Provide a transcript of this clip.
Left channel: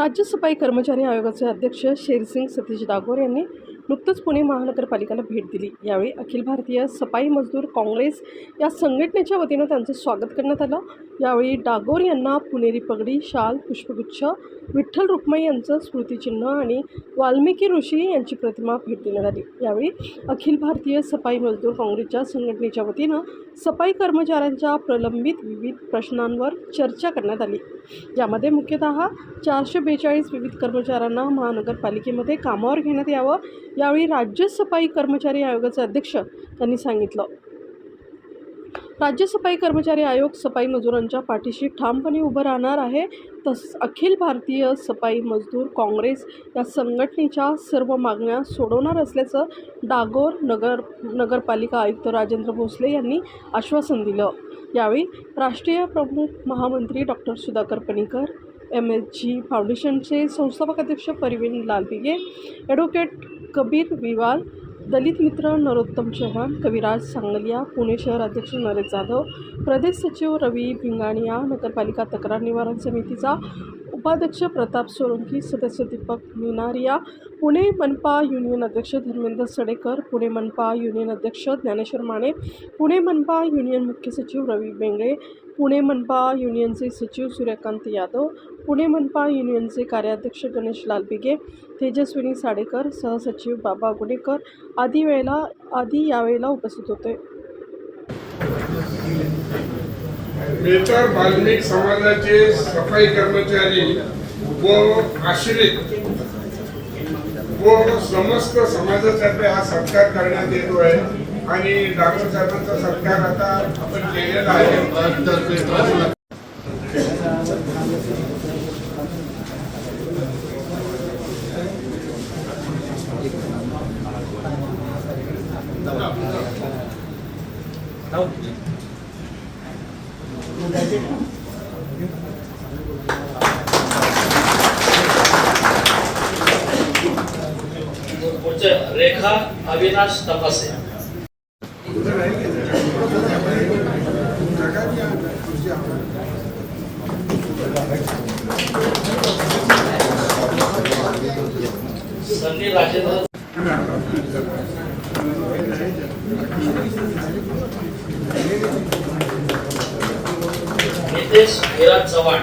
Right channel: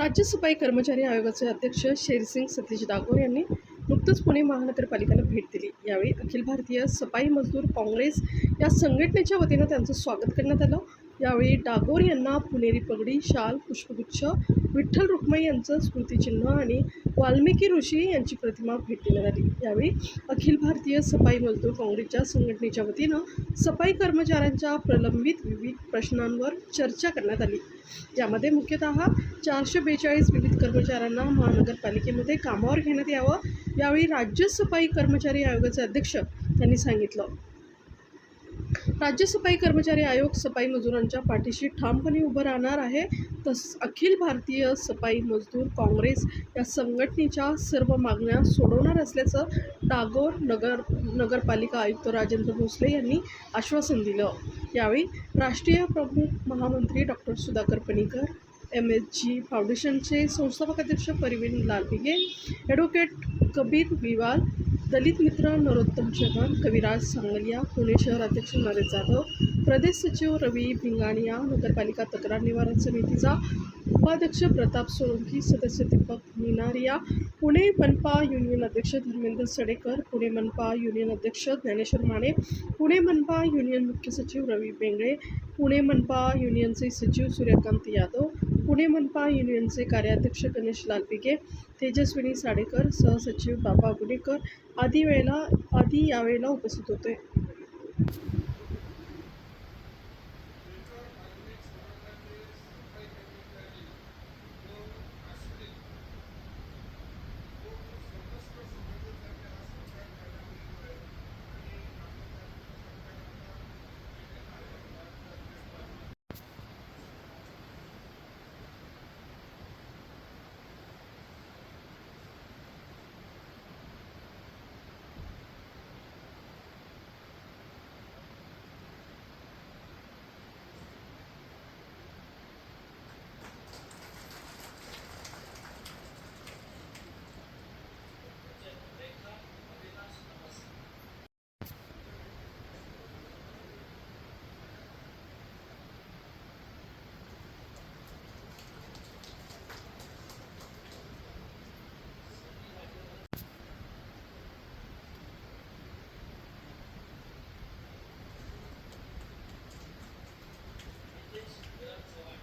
राज्य सफाई कर्मचारी आयोगाचे अध्यक्ष शेरसिंग सतीश डागोर यांनी नुकतंच पुणे महानगरपालिकेला भेट दिली. यावेळी अखिल भारतीय सफाई मजदूर काँग्रेस या संघटनेच्या वतीनं त्यांचं स्वागत करण्यात आलं. यावेळी डागोर यांना पुणेरी पगडी शाल पुष्पगुच्छ विठ्ठल रुक्माई यांचं स्मृतिचिन्ह आणि वाल्मिकी ऋषी यांची प्रतिमा भेट देण्यात आली. यावेळी अखिल भारतीय सफाई मजदूर काँग्रेसच्या संघटनेच्या वतीनं सफाई कर्मचाऱ्यांच्या प्रलंबित विविध प्रश्नांवर चर्चा करण्यात आली. यामध्ये मुख्यतः चारशे बेचाळीस विविध कर्मचाऱ्यांना महानगरपालिकेमध्ये कामावर घेण्यात यावं यावेळी राज्य सफाई कर्मचारी आयोगाचे अध्यक्ष त्यांनी सांगितलं. राज्य सफाई कर्मचारी आयोग सफाई मजुरांच्या पाठीशी ठामपणे उभं राहणार आहे. तस अखिल भारतीय सफाई मजदूर काँग्रेस या संघटनेच्या सर्व मागण्या सोडवणार असल्याचं डागोर नगर नगरपालिका आयुक्त राजेंद्र भोसले यांनी आश्वासन दिलं. यावेळी राष्ट्रीय प्रमुख महामंत्री doctor Sudhakar Panikar M S G फाउंडेशनचे संस्थापक अध्यक्ष परिवीन लालबिगे ॲडव्होकेट कबीर विवाल दलित मित्र नरोत्तम चव्हाण कविराज सांगलिया पुणे शहर अध्यक्ष नरेश जाधव प्रदेश सचिव रवी भिंगाणिया नगरपालिका तक्रार निवारण समितीचा उपाध्यक्ष प्रताप सोलंकी सदस्य दीपक मिनारिया पुणे मनपा युनियन अध्यक्ष धर्मेंद्र सडेकर पुणे मनपा युनियन अध्यक्ष ज्ञानेश्वर माने पुणे मनपा युनियन मुख्य सचिव रवी बेंगळे पुणे मनपा युनियनचे सचिव सूर्यकांत यादव पुणे मनपा युनियनचे कार्याध्यक्ष गणेश लालबिगे तेजस्विनी साडेकर सहसचिव बाबा गुणेकर आदी वेळेला आदी यावेळेला उपस्थित होते. बेतर बाल्मिक समाजाचे सफाई कर्मचारी व आश्रित व समस्त समाजासाठी हा सत्कार करण्यात येतो आहे. आणि डॉक्टर साहेबांचा सत्कार आता आपण केलेला आहे. रेखा अविनाश तपासे. नितेश विराज चव्हाण